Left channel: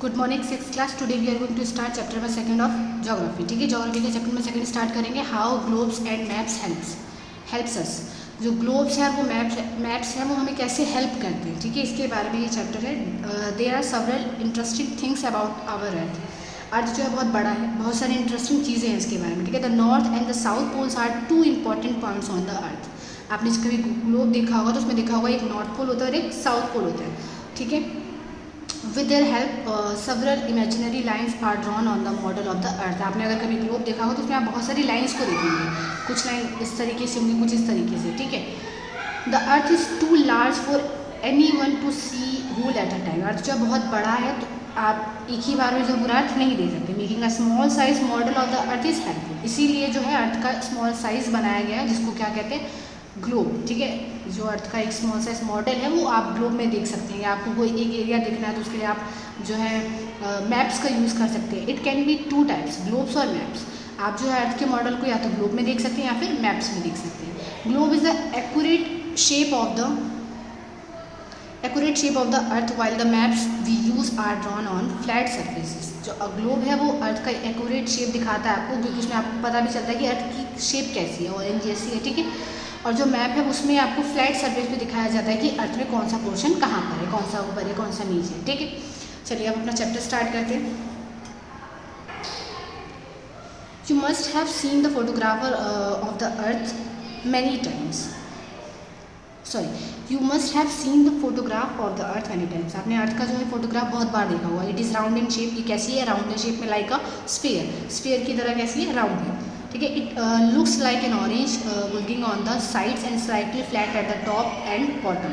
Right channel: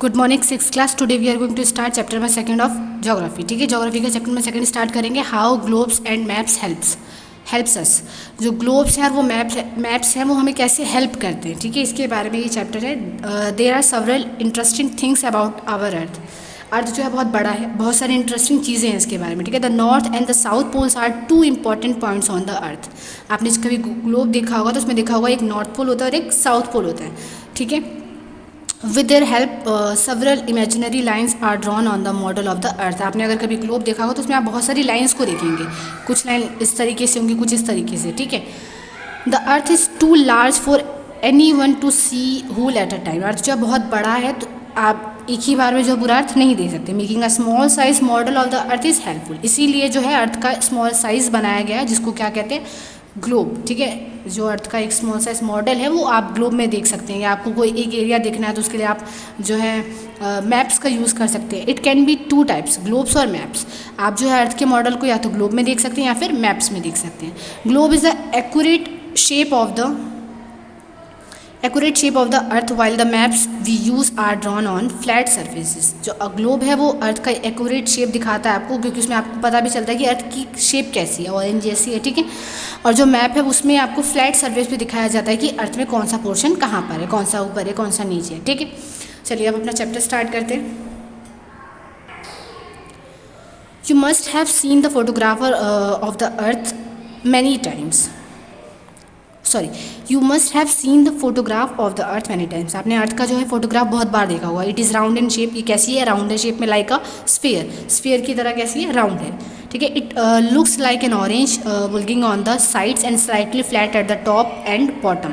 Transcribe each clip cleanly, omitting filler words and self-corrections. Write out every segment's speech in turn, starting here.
Good morning six class. Today we are going to start chapter number second of geography. ठीक है, geography का chapter number second start करेंगे। How globes and maps helps us. जो globes हैं वो maps हैं वो हमें कैसे हेल्प करते हैं। ठीक है, इसके बारे में ये चैप्टर है। There are several interesting things about our earth. Earth जो है बहुत बड़ा है, बहुत सारी इंटरेस्टिंग चीज़ें हैं इसके बारे में। ठीक है, the north and the south poles are two important points on the earth. आपने कभी ग्लोब देखा होगा तो उसमें देखा होगा एक नॉर्थ पोल होता है और एक साउथ पोल होता है। ठीक है, with their help several imaginary lines are drawn on the model of the earth. आपने अगर कभी ग्लोब देखा हो तो उसमें आप बहुत सारी लाइन्स को देखेंगे। कुछ लाइन इस तरीके से होंगी, कुछ इस तरीके से। ठीक है, the earth is too large for anyone to see whole at a time. Earth जो बहुत बड़ा है तो आप एक ही बार में जो पूरा अर्थ नहीं देख सकते। Making a small size model of the earth is helpful. इसीलिए जो है अर्थ का स्मॉल साइज बनाया गया है, जिसको क्या कहते हैं, ग्लोब। ठीक है, जो अर्थ का एक स्मॉल साइज मॉडल है वो आप ग्लोब में देख सकते हैं। या आपको कोई एक एरिया देखना है तो उसके लिए आप जो है मैप्स का यूज़ कर सकते हैं। It can be two types, globes और मैप्स। आप जो है अर्थ के मॉडल को या तो ग्लोब में देख सकते हैं या फिर मैप्स में देख सकते हैं। Globe is the accurate shape of the earth while the maps we use are drawn on flat surfaces. जो ग्लोब है वो अर्थ का एक्यूरेट शेप दिखाता है आपको, क्योंकि उसमें आपको पता भी चलता है कि अर्थ की शेप कैसी है, ऑरेंज जैसी है। ठीक है, और जो मैप है उसमें आपको फ्लैट सर्फेस पे दिखाया जाता है कि अर्थ में कौन सा पोर्शन कहाँ पर है, कौन सा ऊपर है, कौन सा नीचे है। ठीक है, चलिए अब अपना चैप्टर स्टार्ट करते हैं। You must have seen the photographer of the earth many times. You must have seen the photograph of the earth many times. आपने अर्थ का जो है फोटोग्राफ बहुत बार देखा हुआ। It is round in shape. ये कैसी है, राउंड इन शेप में, लाइक अ स्फीयर की तरह कैसी है, राउंड है। ठीक है, it looks like an orange bulging on the sides and slightly flat at the top and bottom.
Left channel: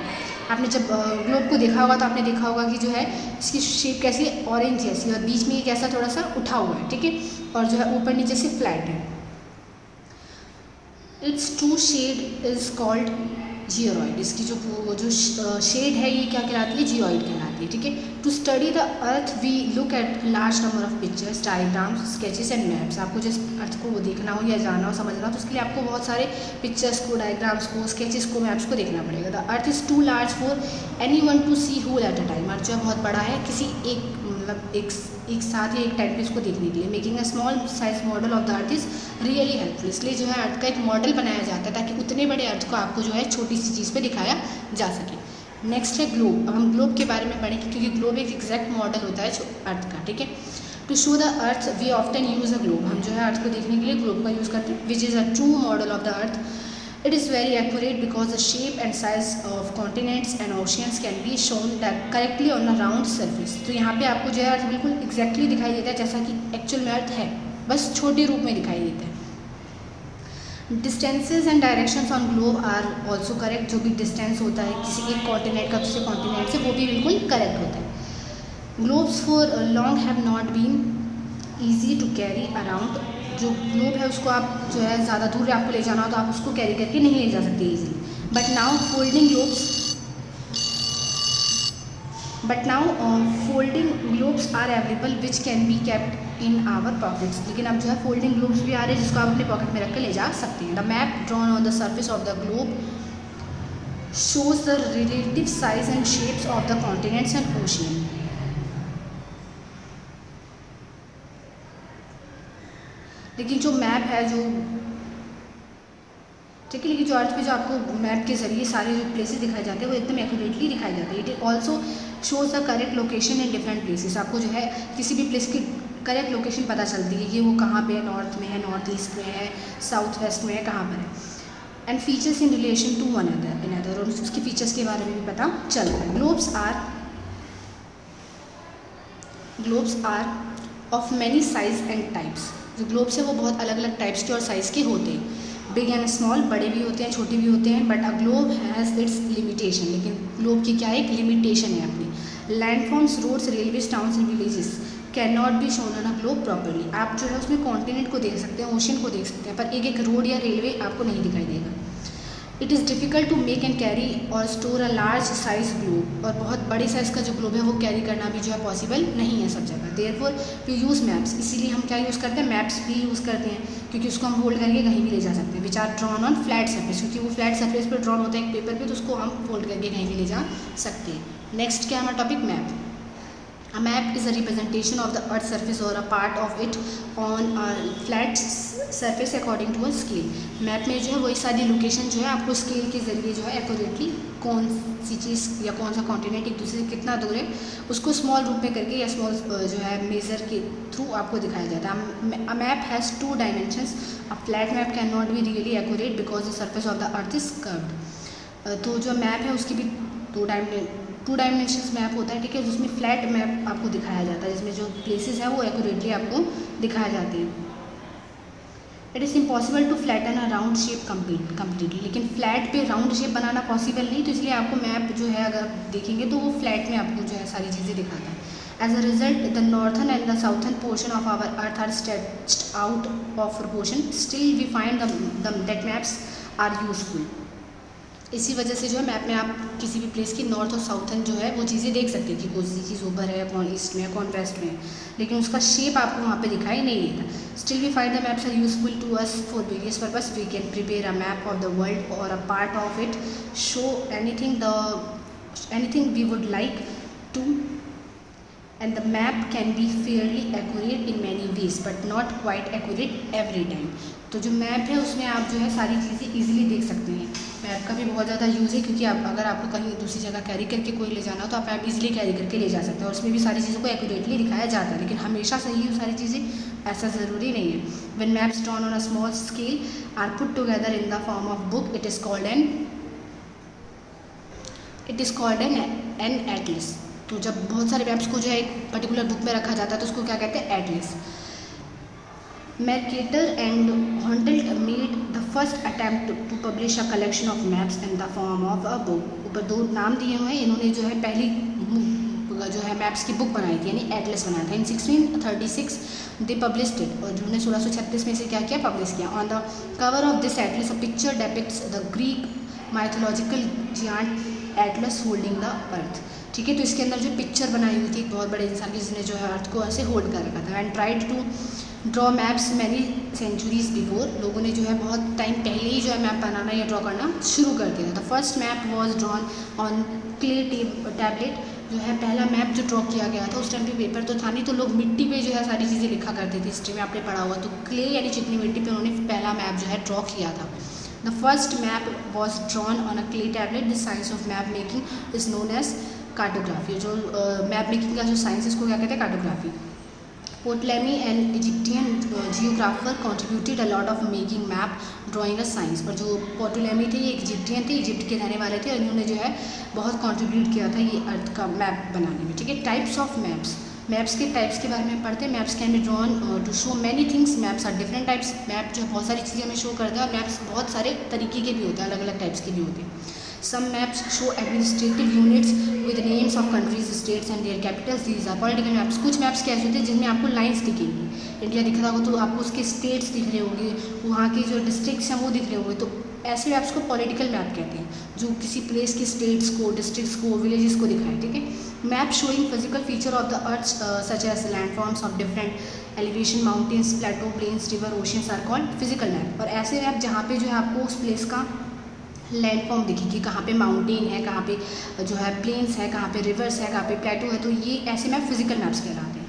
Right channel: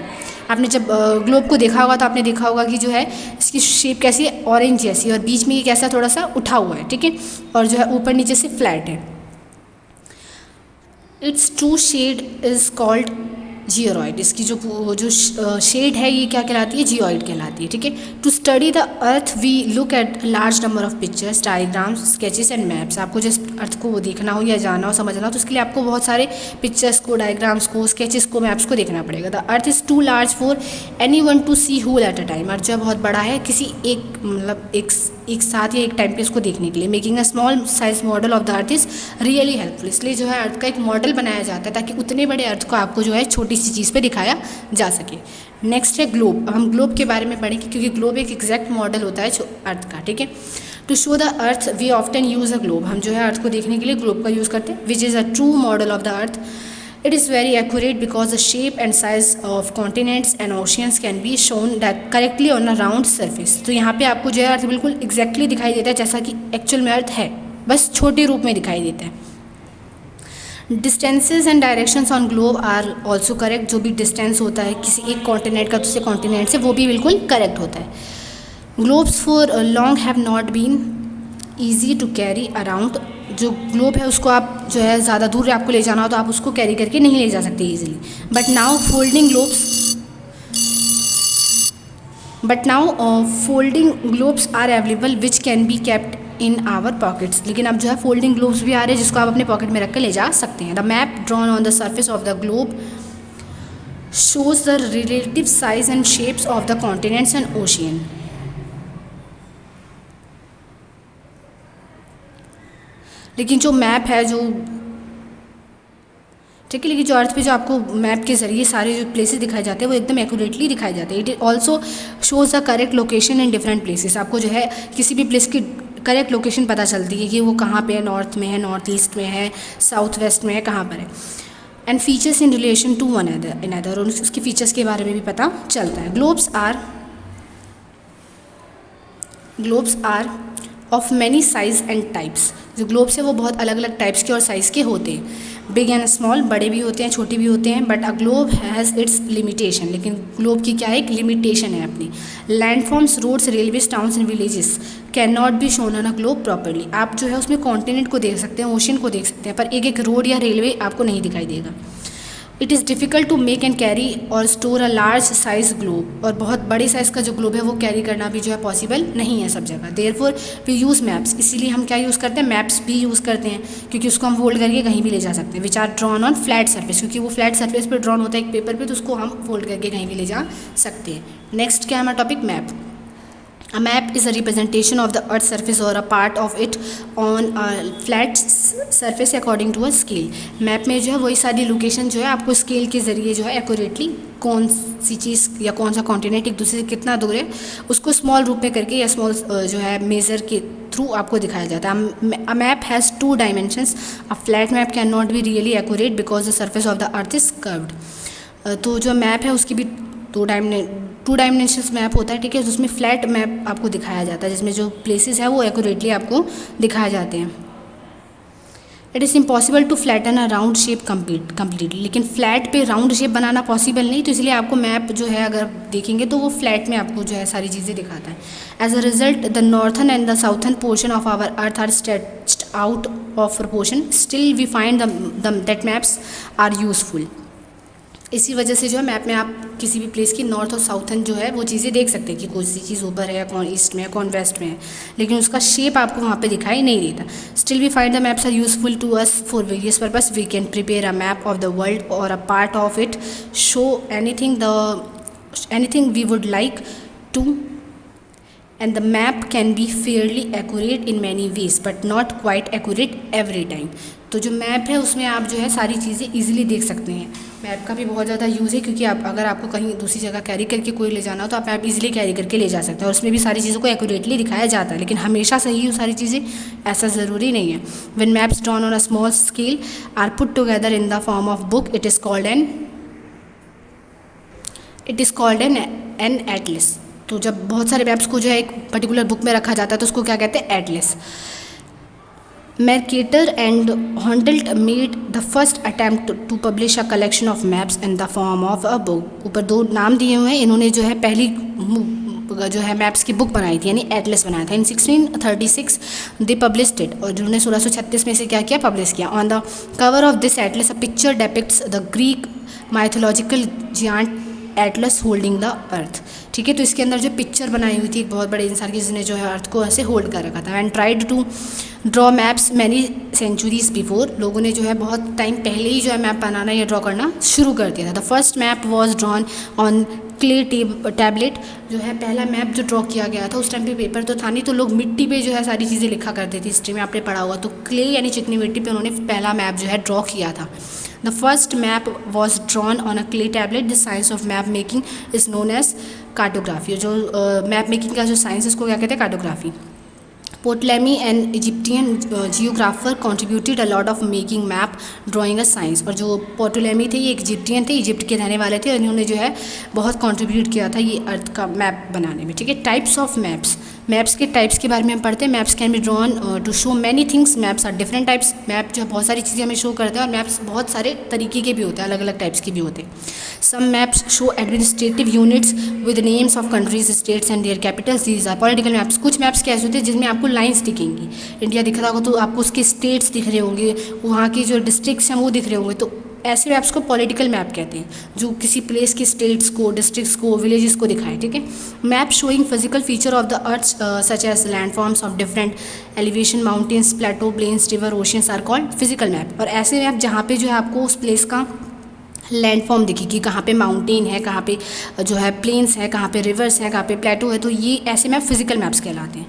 आपने जब ग्लोब को देखा होगा तो आपने देखा होगा कि जो है इसकी शेप कैसी है, ऑरेंज जैसी, और बीच में ये कैसा थोड़ा सा उठा हुआ है। ठीक है, और जो है ऊपर नीचे से फ्लैट है। Its true shape is called geoid. इसकी जो शेड है ये क्या कहलाती है, जियोइड कहलाती है। ठीक है, to study the earth we look at large number of pictures, diagrams, sketches and maps. आपको जिस अर्थ को देखना हो या जानना हो, समझना हो तो उसके लिए आपको बहुत सारे पिक्चर्स को, डायग्राम्स को, स्केचेस को, मैप्स को देखना पड़ेगा। The earth is too large for anyone to see whole at a time. Earth जो बहुत बड़ा है किसी एक साथ या एक टाइम पे इसको देखने के लिए। Making a small size model of the earth is really helpful. इसलिए जो है अर्थ का एक मॉडल बनाया जाता है ताकि उतने बड़े अर्थ को आपको जो है छोटी सी चीज़ पे दिखाया जा सके। नेक्स्ट है ग्लोब। हम ग्लोब के बारे में पढ़ेंगे क्योंकि ग्लोब एक एग्जैक्ट मॉडल होता है अर्थ का। ठीक है, to show the earth we often use a globe. हम जो है अर्थ को देखने के लिए ग्लोब का यूज़ करते हैं, which is a true model of the earth. It is very accurate because the shape and size of continents and oceans can be shown correctly on a round surface। तो यहाँ पे आपको जो है अर्थ बिल्कुल एग्जैक्टली दिखाई देता है जैसा कि एक्चुअल में अर्थ है, बस छोटे रूप में दिखाई देता है। Distances and directions on globe are also correct. जो भी डिस्टेंस होता है किसी एक कॉन्टिनेंट का दूसरे कॉन्टिनेंट से, वो भी बिल्कुल करेक्ट होता है। Globes for long have not been easy to carry around. जो ग्लोब है उसको आप जो है ज़्यादा दूर आपको ले जाना हो तो आप उसको कैरी करके नहीं ले जा सकते easily. But now folding globes are available which can be kept in our pockets. लेकिन अब जो है फोल्डिंग ग्लोब्स भी आ रहे हैं जिसको आप अपने पॉकेट में रख कर ले जा सकते हैं। The map drawn on the surface of the globe shows the relative size and shapes of the continents and ocean. लेकिन जो मैप है जो ठीक है, लेकिन जो अर्थ पे जो आपको मैप के ज़रिए सारे जो प्लेसेस दिखाए जाते हैं वो एकदम एक्यूरेटली दिखाए जाते हैं। It also shows the correct location in different places. आपको जो है किसी भी प्लेस की करेक्ट लोकेशन पता चलती है कि वो कहाँ पे है, नॉर्थ में है, नॉर्थ ईस्ट में है, साउथ वेस्ट में है, कहाँ पर है। And features in relation to one another, और उसके फीचर्स के बारे में भी पता चलता है। Globes are of many size and types. जो ग्लोब्स है वो बहुत अलग अलग टाइप्स के और साइज़ के होते हैं। बिग एंड स्मॉल, बड़े भी होते हैं, छोटे भी होते हैं। But a globe has its limitation. लेकिन ग्लोब की क्या एक लिमिटेशन है अपनी। Landforms, roads, railways, towns and villages can not be shown on a globe properly. आप जो है उसमें कॉन्टिनेंट को देख सकते हैं, ओशन को देख सकते हैं, पर एक एक रोड या रेलवे आपको नहीं दिखाई देगा। It is difficult to make and carry or store a large size globe. और बहुत बड़ी साइज़ का जो ग्लोब है वो कैरी करना भी जो है पॉसिबल नहीं है सब जगह। Therefore we use maps. इसीलिए हम क्या यूज़ करते हैं, मैप्स भी यूज़ करते हैं, क्योंकि उसको हम फोल्ड करके कहीं भी ले जा सकते हैं। Which are drawn on flat surface, क्योंकि वो फ्लैट सर्फेस पर ड्रॉन होता है एक पेपर पे, तो उसको हम फोल्ड करके कहीं भी ले जा सकते हैं। नेक्स्ट क्या है हमारा topic, map. A map is a representation of the earth's surface or a part of it on a flat surface according to a scale. Map में जो है वही सारी लोकेशन जो है आपको स्केल के ज़रिए जो है एक्यूरेटली कौन सी चीज़ या कौन सा कॉन्टिनेंट एक दूसरे से कितना दूर है उसको स्मॉल रूप में करके या स्मॉल जो है मेज़र के थ्रू आपको दिखाया जाता है. A map has two dimensions. A flat map cannot be really accurate because the surface of the earth is curved. तो जो मैप है उसकी भी टू डायमेंशंस मैप होता है, ठीक है, जिसमें फ्लैट मैप आपको दिखाया जाता है, जिसमें जो प्लेसेस है वो एक्यूरेटली आपको दिखाए जाते हैं. It is impossible to flatten a round shape completely. लेकिन फ्लैट पे राउंड शेप बनाना पॉसिबल नहीं, तो इसलिए आपको मैप जो है अगर देखेंगे तो वो फ्लैट में आपको जो है सारी चीज़ें दिखाता है. As a result the northern and the southern portion of our earth are stretched out of proportion. Still we find that maps are useful. इसी वजह से जो है मैप में आप किसी भी प्लेस की नॉर्थ और साउथर्न जो है वो चीज़ें देख सकते हैं कि कौन सी चीज़ ऊपर है, कौन ईस्ट में है, कौन वेस्ट में है, लेकिन उसका शेप आपको वहाँ पे दिखाई नहीं देता. Still we find the maps are useful to us for various purpose. We can prepare a map of the world or a part of it, show anything we would like to, and the map can be fairly accurate in many ways but not quite accurate every time. तो जो map है उसमें आप जो है सारी चीज़ें easily देख सकते हैं. मैप का भी बहुत ज़्यादा यूज़ है क्योंकि आप अगर आपको कहीं दूसरी जगह कैरी करके कोई ले जाना हो तो आप मैप इजीली कैरी करके ले जा सकते हैं और उसमें भी सारी चीज़ों को एक्यूरेटली दिखाया जाता है. लेकिन हमेशा सही हो सारी चीज़ें ऐसा ज़रूरी नहीं है. When maps drawn on a small scale are put together in the form of book, it is called an atlas. तो जब बहुत सारे मैप्स को जो है एक पर्टिकुलर बुक में रखा जाता है तो उसको क्या कहते हैं, Atlas. Mercator and Honnold made the first attempt to publish a collection of maps in the form of a book. ऊपर दो नाम दिए हुए हैं. इन्होंने जो है पहली जो है मैप्स की बुक बनाई थी, यानी एटलस बनाया था. इन 1636 दे पब्लिश्ड इट, और जिन्होंने 1636 में से क्या किया, पब्लिश किया. On the cover of this atlas a picture depicts the Greek mythological giant Atlas holding the earth. ठीक है, तो इसके अंदर जो पिक्चर बनाई हुई थी एक बहुत बड़े इंसान की जिसने जो है अर्थ को ऐसे होल्ड कर रखा था. And tried to draw maps many centuries before. लोगों ने जो है बहुत टाइम पहले ही जो है मैप बनाना या ड्रॉ करना शुरू कर दिया था. The first map was drawn on clay tablet. जो है पहला मैप जो ड्रॉ किया गया था, उस टाइम पे पेपर तो था नहीं, तो लोग मिट्टी पे जो है सारी चीज़ें लिखा करते थे. हिस्ट्री में आपने पढ़ा हुआ, तो क्ले यानी चिकनी मिट्टी पे उन्होंने पहला मैप जो है ड्रॉ किया था. The first map was drawn on a clay tablet. The science of map making is known as cartography. जो मैप मेकिंग का जो साइंस है उसको क्या कहते हैं, cartography. Ptolemy, an Egyptian geographer, contributed a lot of making map drawing a science. और जो पोटोलेमी थे ये इजिप्टियन थे, इजिप्ट के रहने वाले थे, और इन्होंने जो है बहुत कंट्रीब्यूट किया था ये अर्थ का मैप बनाने में. ठीक है, टाइप्स ऑफ मैप्स. मैप्स के टाइप्स के बारे में हम पढ़ते हैं. Maps can be drawn to show many things. Maps are different types. Map जो बहुत सारी चीज़ें हमें शो करते हैं, और मैप्स बहुत सारे तरीके के भी होते हैं, अलग अलग टाइप्स के भी होते हैं. Some maps show administrative units with names of countries, states and their capitals. These are political maps. कुछ मैप्स कैसे होते हैं जिसमें आपको लाइन्स दिखेंगी. इंडिया दिख रहा होगा तो आपको उसके स्टेट्स दिख रहे होंगे, वहाँ की जो डिस्ट्रिक्ट्स हैं वो दिख रहे होंगे. तो ऐसे मैप्स को पॉलिटिकल मैप कहते हैं, जो किसी प्लेस के स्टेट्स को, डिस्ट्रिक्ट्स को, विलेजेस को दिखाएं. ठीक है, map showing physical feature of the earth such as landforms of different elevation, mountains, plateau, plains, river, oceans are called physical map. और ऐसे मैप जहाँ पे जो है आपको उस प्लेस का लैंडफॉर्म दिखेगी, कहाँ पे माउंटेन है, कहाँ पे जो है प्लेन्स है, कहाँ पे रिवर्स है, कहाँ पे प्लेटो है, तो ये ऐसे मैप फिजिकल मैप्स कहलाते हैं.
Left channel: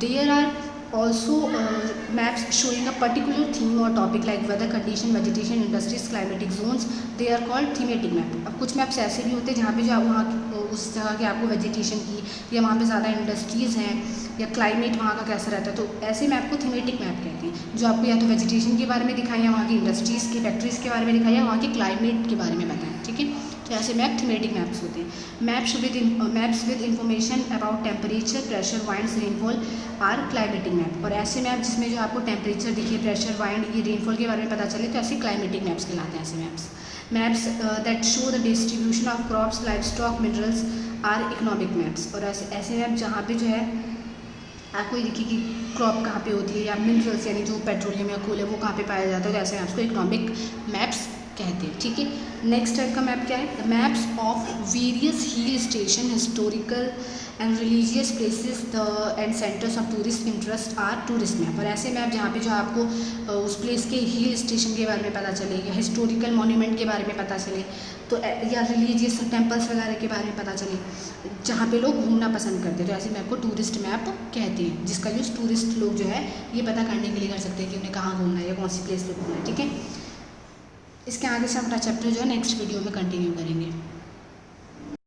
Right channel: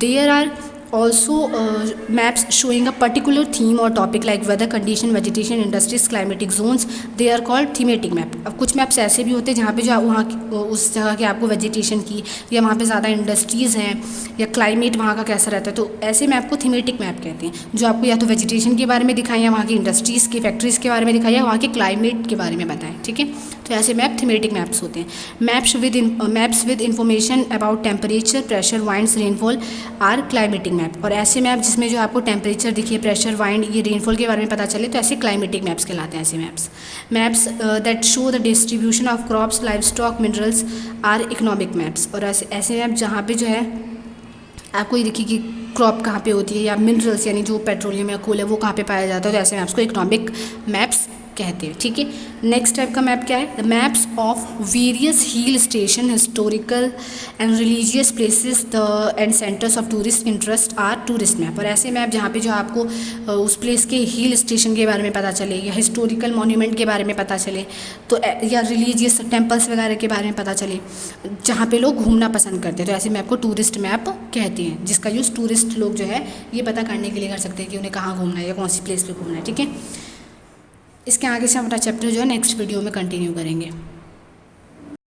There are also maps showing a particular theme or topic like weather condition, vegetation, industries, climatic zones. They are called thematic map. अब कुछ मैप्स ऐसे भी होते हैं जहाँ पे जो वहाँ उस जगह की आपको वेजिटेशन की, या वहाँ पे ज़्यादा इंडस्ट्रीज़ हैं, या क्लाइमेट वहाँ का कैसा रहता है, तो ऐसे मैप को थीमेटिक मैप कहते हैं, जो आपको या तो वेजिटेशन के बारे में दिखाएं, या वहाँ की इंडस्ट्रीज़ की, फैक्ट्रीज़ के बारे में दिखाएं, या वहाँ के क्लाइमेट के बारे में बताएं. ठीक है, तो ऐसे मैप थीमेटिक मैप्स होते हैं. Maps with information about temperature, pressure, winds, rainfall are climatic map. और ऐसे मैप जिसमें जो आपको टेम्परेचर दिखे, प्रेशर, वाइंड, ये रेनफॉल के बारे में पता चले, तो ऐसे क्लाइमेटिक मैप्स कहलाते हैं. ऐसे maps that show the distribution of crops, livestock, minerals are economic maps. और ऐसे मैप जहाँ पे जो है आपको ये देखिए कि क्रॉप कहाँ पे होती है, या मिनरल्स यानी जो पेट्रोलियम या कोल है वो कहाँ पे पाया जाता है, तो ऐसे मैप्स को इकोनॉमिक मैप्स कहते हैं, ठीक है। नेक्स्ट टाइप का मैप क्या है, the maps of various hill station, historical and religious places the and centres of tourist interest are tourist map. और ऐसे मैप जहाँ पे जो आपको उस प्लेस के हिल स्टेशन के बारे में पता चले या हिस्टोरिकल मॉन्यूमेंट के बारे में पता चले, तो या रिलीजियस टेम्पल्स वगैरह के बारे में पता चले जहाँ पे लोग घूमना पसंद करते हैं, तो ऐसे मैप को टूरिस्ट मैप कहते हैं, जिसका यूज़ टूरिस्ट लोग जो है ये पता करने के लिए कर सकते हैं कि उन्हें कहाँ घूमना है या कौन सी प्लेस पे घूमना है, ठीक है। इसके आगे से हम अपना चैप्टर जो है नेक्स्ट वीडियो में कंटिन्यू करेंगे।